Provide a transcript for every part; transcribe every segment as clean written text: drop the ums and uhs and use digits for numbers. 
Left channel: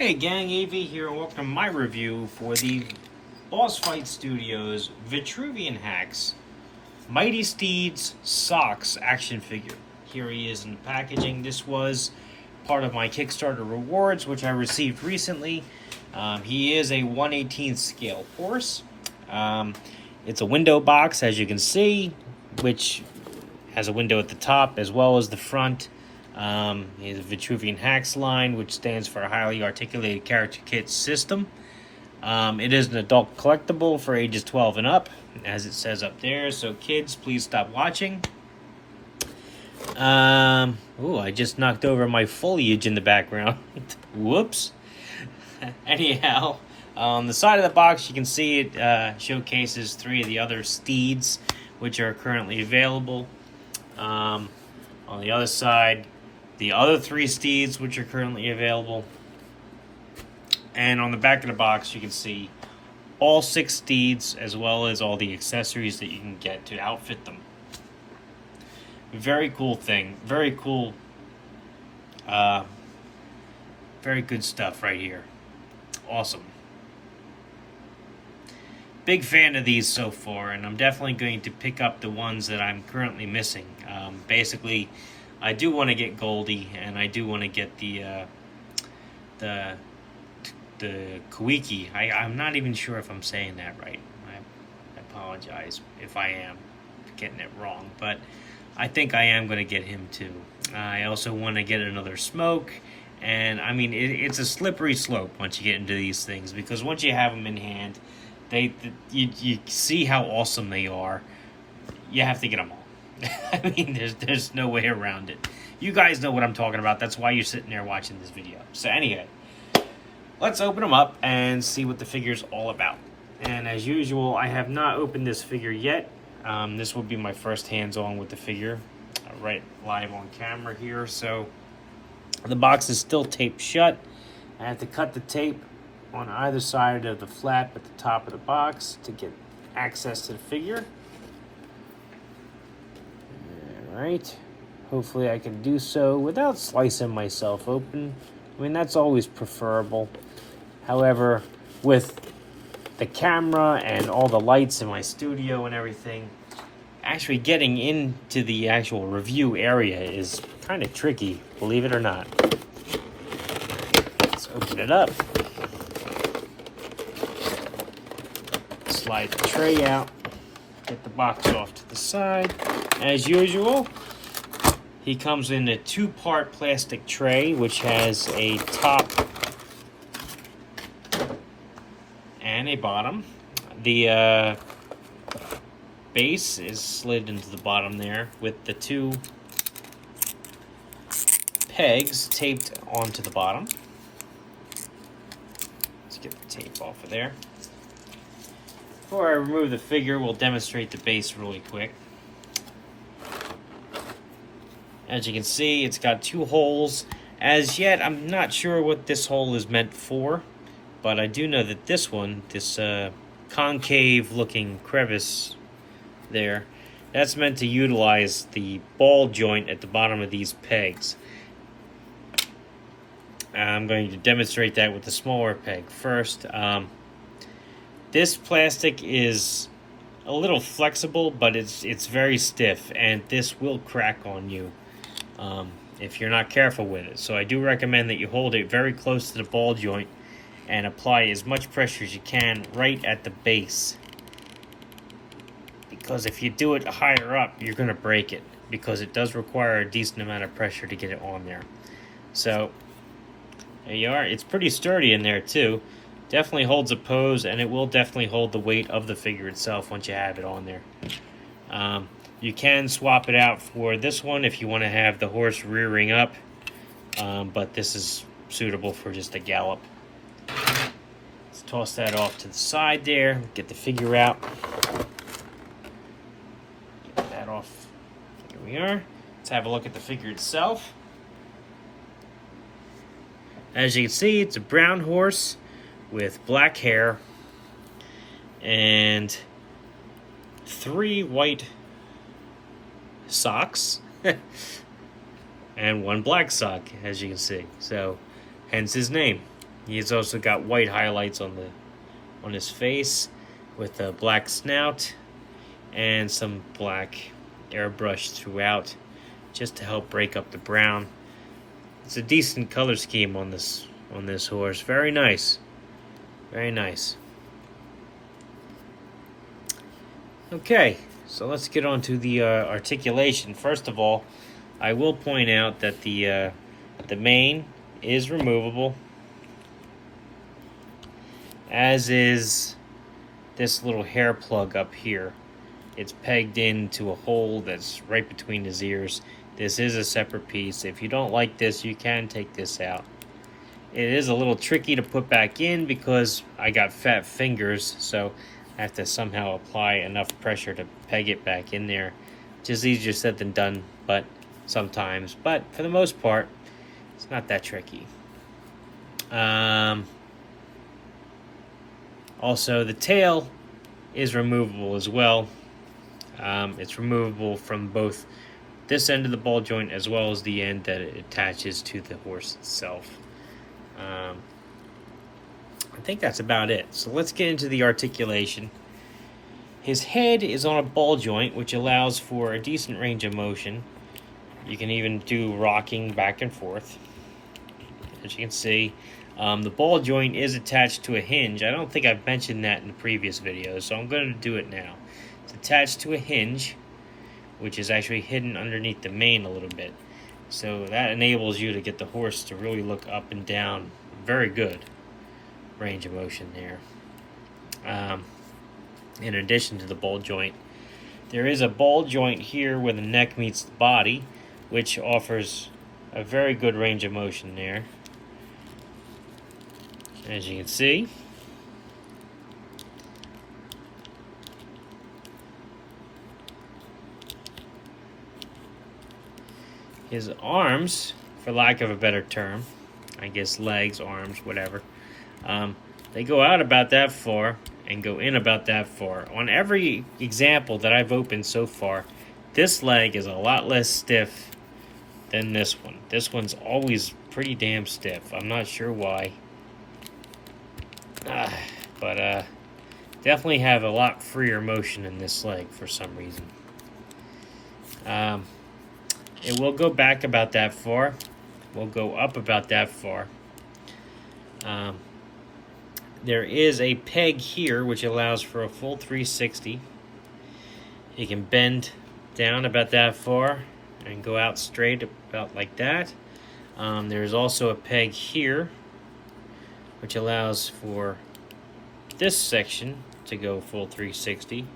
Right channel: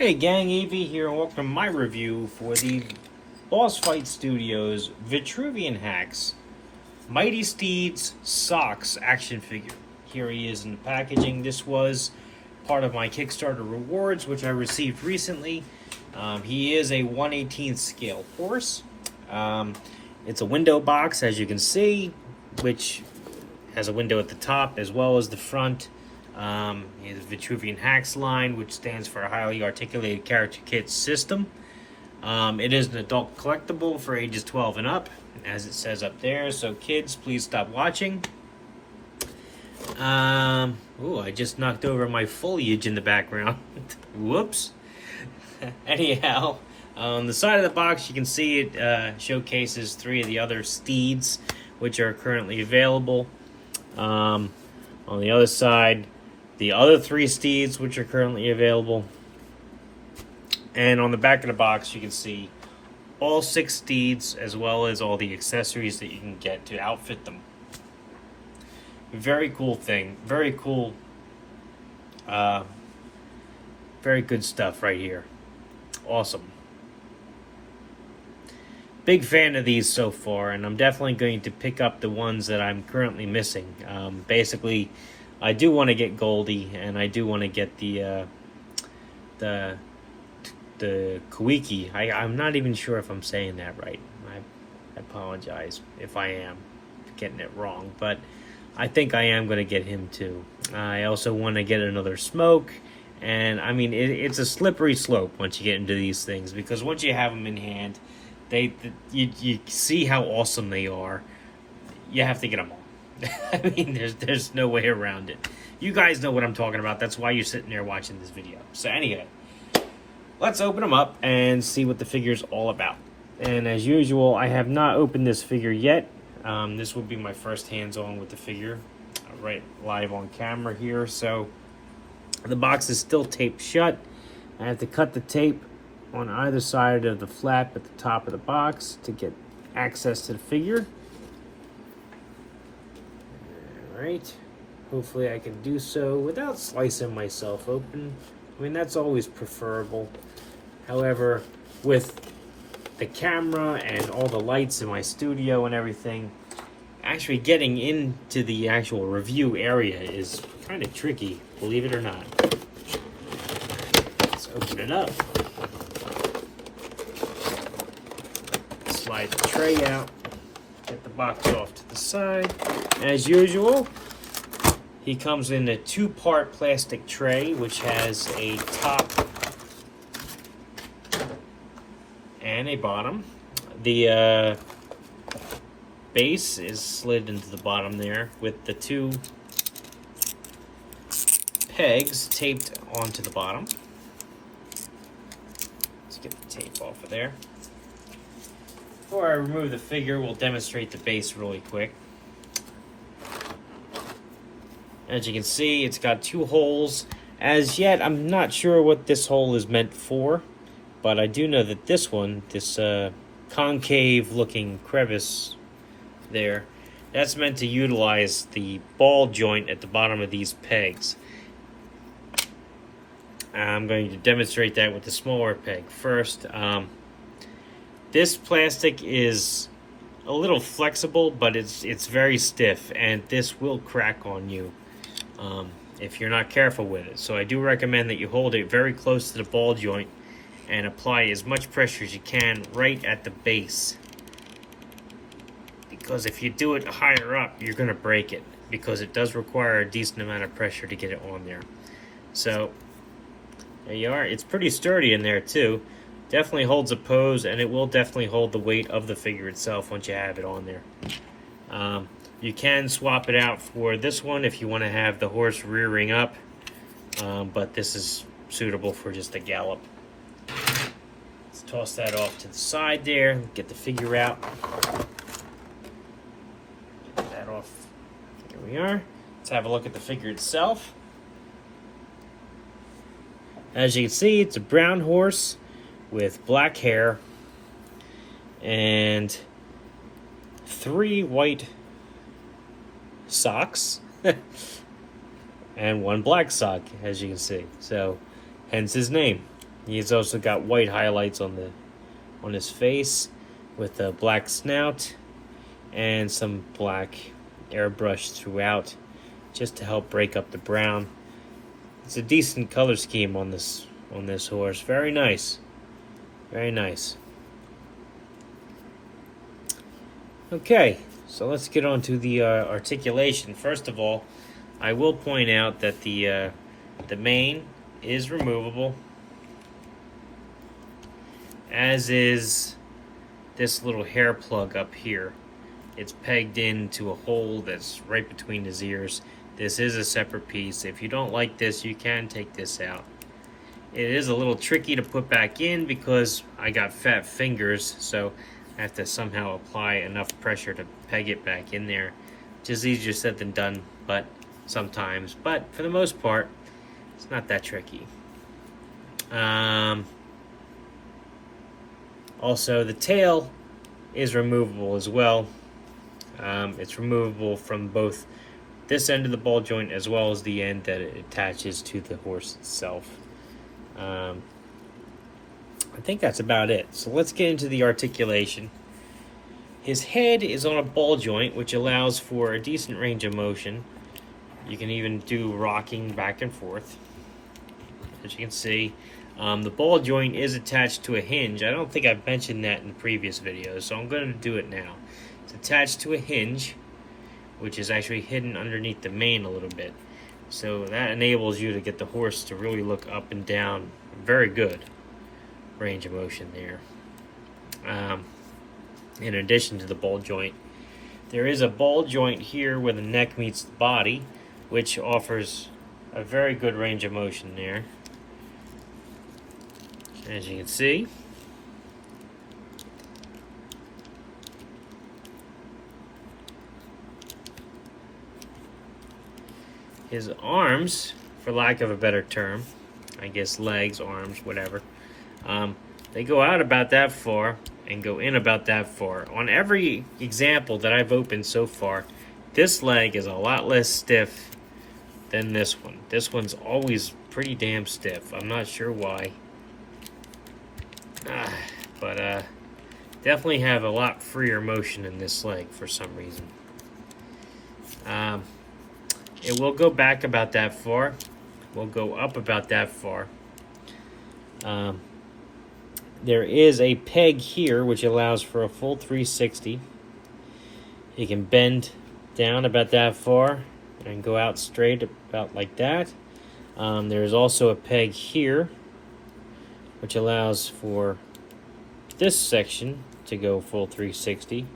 Hey gang, AV here, and welcome to my review for the Boss Fight Studios Vitruvian Hacks Mighty Steeds Socks action figure. Here he is in the packaging. This was part of my Kickstarter rewards, which I received recently. He is a 1/18th scale horse. It's a window box, as you can see, which has a window at the top as well as the front. Is Vitruvian Hacks line, which stands for a highly articulated character kit system. It is an adult collectible for ages 12 and up, as it says up there. So kids, please stop watching. I just knocked over my foliage in the background. Whoops. Anyhow, on the side of the box, you can see it showcases 3 of the other Steeds, which are currently available. On the other side, the other 3 Steeds, which are currently available. And on the back of the box, you can see all 6 Steeds, as well as all the accessories that you can get to outfit them. Very cool thing. Very cool. Very good stuff right here. Awesome. Big fan of these so far, and I'm definitely going to pick up the ones that I'm currently missing. Basically, I do want to get Goldie, and I do want to get the Kawiki. I'm not even sure if I'm saying that right. I apologize if I am getting it wrong, but I think I am going to get him too. I also want to get another Smoke, and I mean it's a slippery slope once you get into these things, because once you have them in hand, you see how awesome they are. You have to get them all. I mean, there's no way around it. You guys know what I'm talking about. That's why you're sitting there watching this video. So anyway, let's open them up and see what the figure's all about. And as usual, I have not opened this figure yet. This will be my first hands-on with the figure, right live on camera here. So the box is still taped shut. I have to cut the tape on either side of the flap at the top of the box to get access to the figure. Alright, hopefully I can do so without slicing myself open. I mean, that's always preferable. However, with the camera and all the lights in my studio and everything, actually getting into the actual review area is kind of tricky, believe it or not. Let's open it up. Slide the tray out. Get the box off to the side. As usual, he comes in a 2-part plastic tray, which has a top and a bottom. The base is slid into the bottom there with the 2 pegs taped onto the bottom. Let's get the tape off of there. Before I remove the figure, we'll demonstrate the base really quick. As you can see, it's got 2 holes. As yet, I'm not sure what this hole is meant for, but I do know that this one, this concave-looking crevice there, that's meant to utilize the ball joint at the bottom of these pegs. I'm going to demonstrate that with the smaller peg first. This plastic is a little flexible, but it's very stiff, and this will crack on you if you're not careful with it. So I do recommend that you hold it very close to the ball joint and apply as much pressure as you can right at the base. Because if you do it higher up, you're going to break it, because it does require a decent amount of pressure to get it on there. So there you are. It's pretty sturdy in there too. Definitely holds a pose, and it will definitely hold the weight of the figure itself once you have it on there. You can swap it out for this one if you want to have the horse rearing up, but this is suitable for just a gallop. Let's toss that off to the side there. Get the figure out. Get that off. There we are. Let's have a look at the figure itself. As you can see, it's a brown horse with black hair and 3 white socks and 1 black sock, as you can see. So hence his name. He's also got white highlights on his face with a black snout and some black airbrush throughout just to help break up the brown. It's a decent color scheme on this horse. Very nice. Very nice. Okay, so let's get on to the articulation. First of all, I will point out that the mane is removable, as is this little hair plug up here. It's pegged into a hole that's right between his ears. This is a separate piece. If you don't like this, you can take this out. It is a little tricky to put back in because I got fat fingers, so I have to somehow apply enough pressure to peg it back in there. Just easier said than done, but sometimes. But for the most part, it's not that tricky. Also, the tail is removable as well. It's removable from both this end of the ball joint as well as the end that it attaches to the horse itself. I think that's about it. So let's get into the articulation. His head is on a ball joint, which allows for a decent range of motion. You can even do rocking back and forth. As you can see, the ball joint is attached to a hinge. I don't think I've mentioned that in the previous video, so I'm going to do it now. It's attached to a hinge, which is actually hidden underneath the mane a little bit. So that enables you to get the horse to really look up and down. Very good range of motion there. In addition to the ball joint, there is a ball joint here where the neck meets the body, which offers a very good range of motion there. As you can see. His arms, for lack of a better term, I guess legs, arms, whatever, they go out about that far and go in about that far. On every example that I've opened so far, this leg is a lot less stiff than this one. This one's always pretty damn stiff. I'm not sure why. But definitely have a lot freer motion in this leg for some reason. It will go back about that far. Will go up about that far. There is a peg here which allows for a full 360. You can bend down about that far and go out straight about like that. There's also a peg here which allows for this section to go full 360.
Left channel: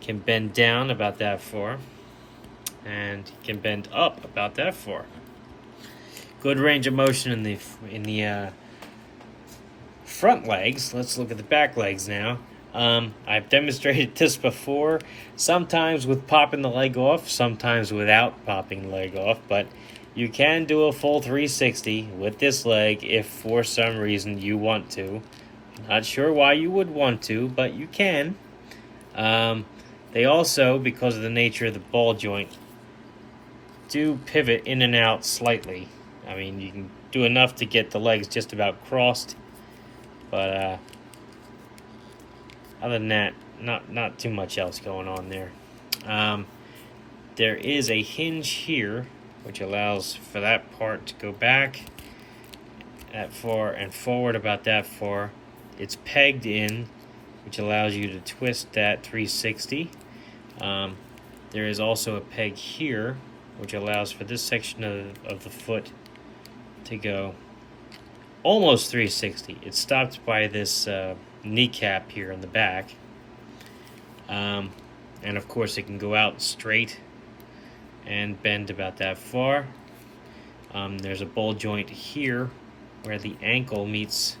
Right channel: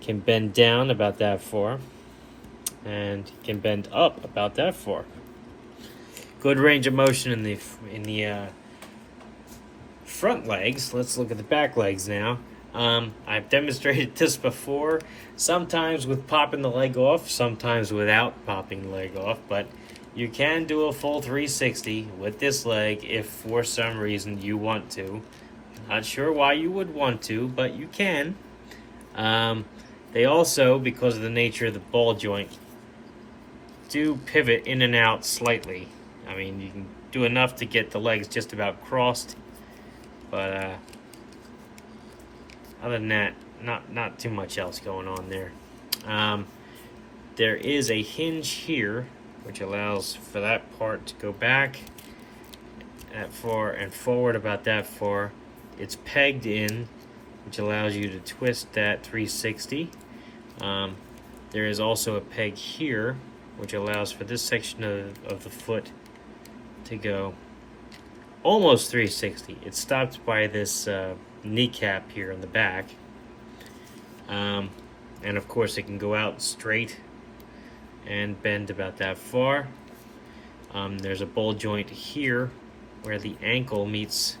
Can bend down about that far and can bend up about that far. Good range of motion in the front legs. Let's look at the back legs now. I've demonstrated this before, sometimes with popping the leg off, sometimes without popping the leg off, but you can do a full 360 with this leg if for some reason you want to. Not sure why you would want to, but you can. They also, because of the nature of the ball joint, do pivot in and out slightly. I mean, you can do enough to get the legs just about crossed, but other than that, not too much else going on there. There is a hinge here which allows for that part to go back that far and forward about that far. It's pegged in, which allows you to twist that 360. There is also a peg here which allows for this section of the foot to go almost 360. It's stopped by this kneecap here in the back. And of course it can go out straight and bend about that far. There's a ball joint here where the ankle meets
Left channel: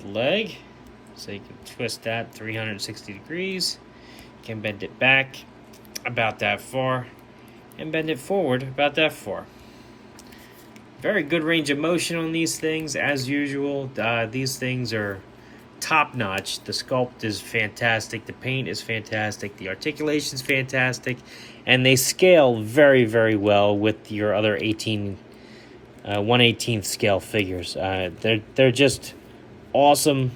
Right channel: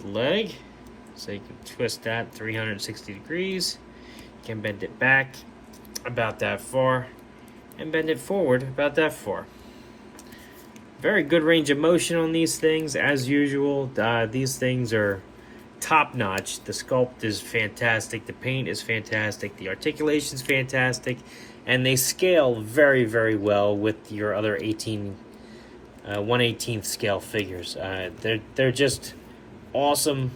the leg, so you can twist that 360 degrees. You can bend it back about that far and bend it forward about that far. Very good range of motion on these things as usual. These things are top-notch. The sculpt is fantastic, the paint is fantastic, the articulation is fantastic, and they scale very, very well with your other 18 1/18 scale figures. They're just awesome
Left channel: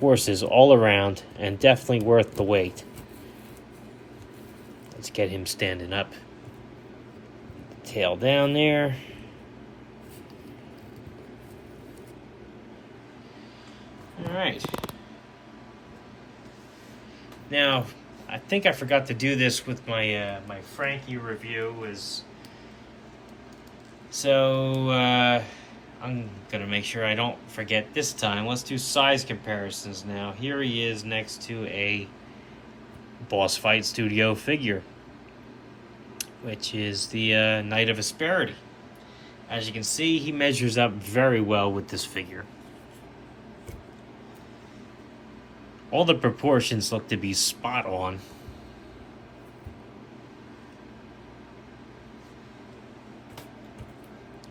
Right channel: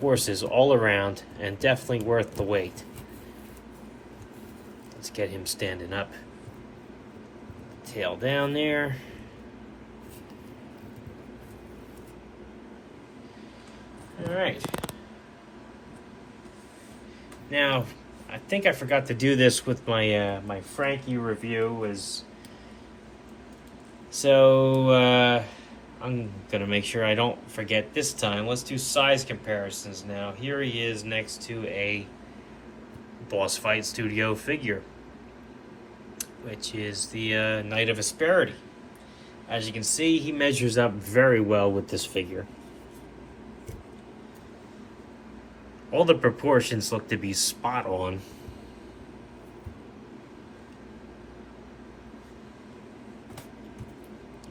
horses all around, and definitely worth the wait. Let's get him standing up. Tail down there. All right. Now, I think I forgot to do this with my my Frankie review. I'm gonna make sure I don't forget this time. Let's do size comparisons now. Here he is next to a Boss Fight Studio figure, which is the Knight of Asperity. As you can see, he measures up very well with this figure. All the proportions look to be spot on.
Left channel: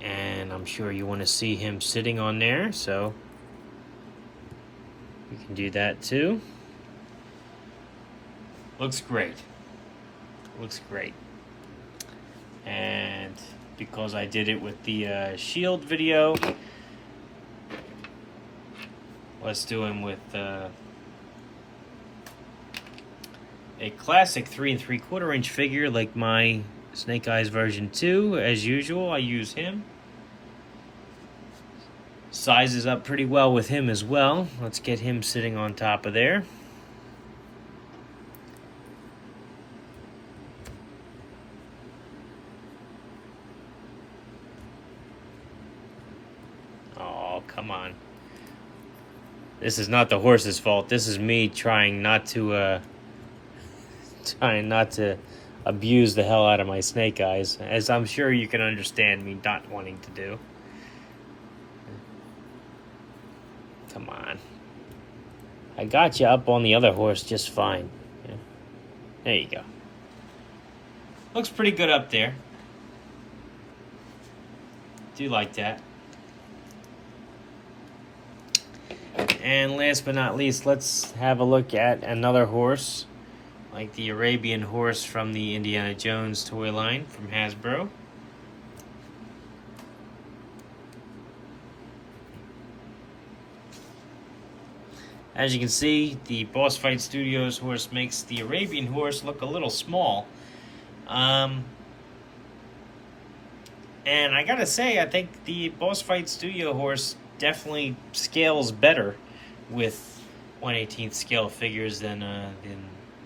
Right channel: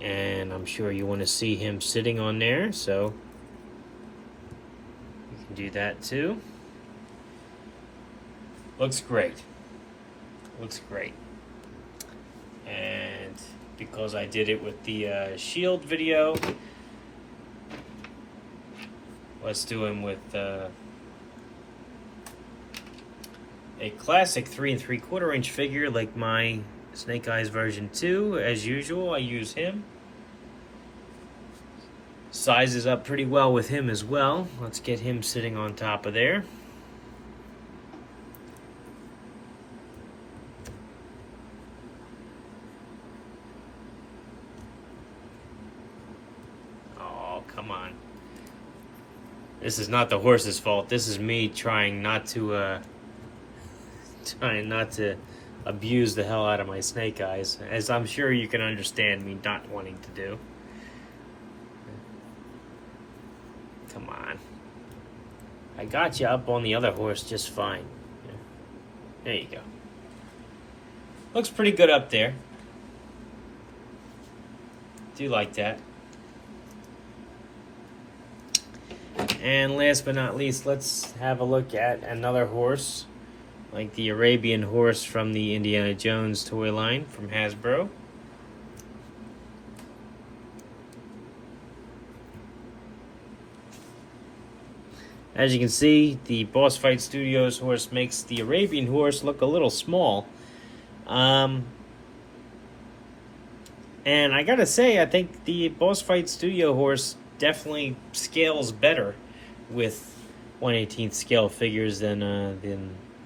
And I'm sure you want to see him sitting on there, so you can do that too. Looks great. Looks great. And because I did it with the Shield video, let's do him with a classic 3 3/4 inch figure like my Snake Eyes version 2. As usual, I use him. Sizes up pretty well with him as well. Let's get him sitting on top of there. Oh, come on. This is not the horse's fault. This is me trying not to abuse the hell out of my Snake Eyes, as I'm sure you can understand me not wanting to do. Come on. I got you up on the other horse just fine. There you go. Looks pretty good up there. Do like that. And last but not least, let's have a look at another horse, like the Arabian horse from the Indiana Jones toy line from Hasbro. As you can see, the Boss Fight Studios horse makes the Arabian horse look a little small. And I gotta say, I think the Boss Fight Studio horse definitely scales better with 1/18 scale figures than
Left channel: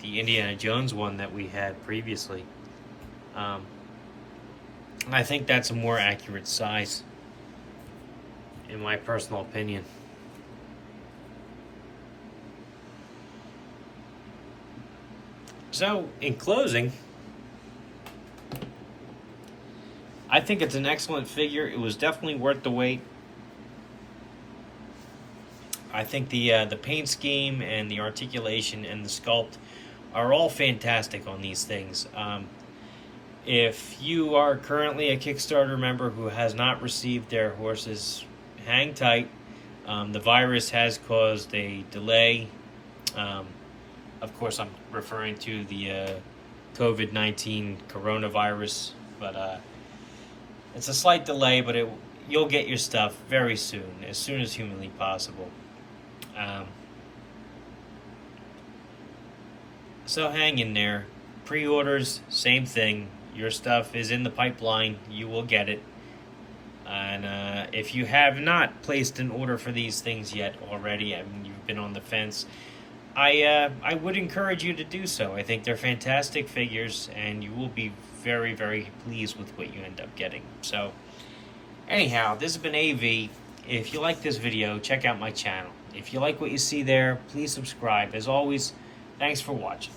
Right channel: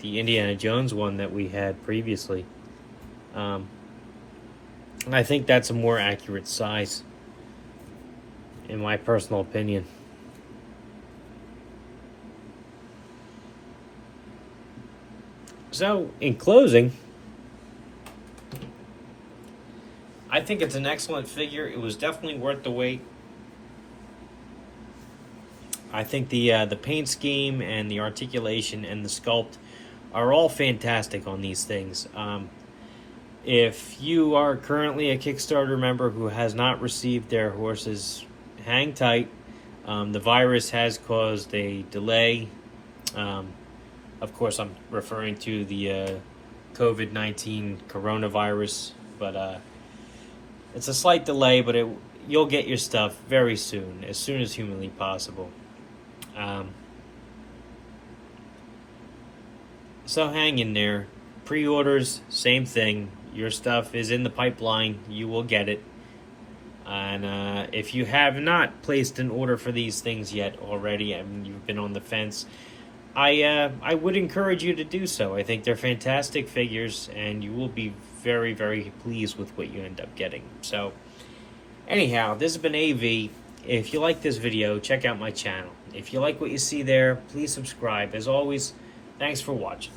the Indiana Jones one that we had previously. I think that's a more accurate size, in my personal opinion. So, in closing, I think it's an excellent figure. It was definitely worth the wait. I think the paint scheme and the articulation and the sculpt are all fantastic on these things. If you are currently a Kickstarter member who has not received their horses, hang tight. The virus has caused a delay. Of course, I'm referring to the COVID-19 coronavirus, but it's a slight delay, but you'll get your stuff very soon as humanly possible. So hang in there. Pre-orders, same thing. Your stuff is in the pipeline. You will get it. And if you have not placed an order for these things yet already, I mean, you've been on the fence, I would encourage you to do so. I think they're fantastic figures, and you will be very, very pleased with what you end up getting. So, anyhow, this has been AV. If you like this video, check out my channel. If you like what you see there, please subscribe. As always, thanks for watching.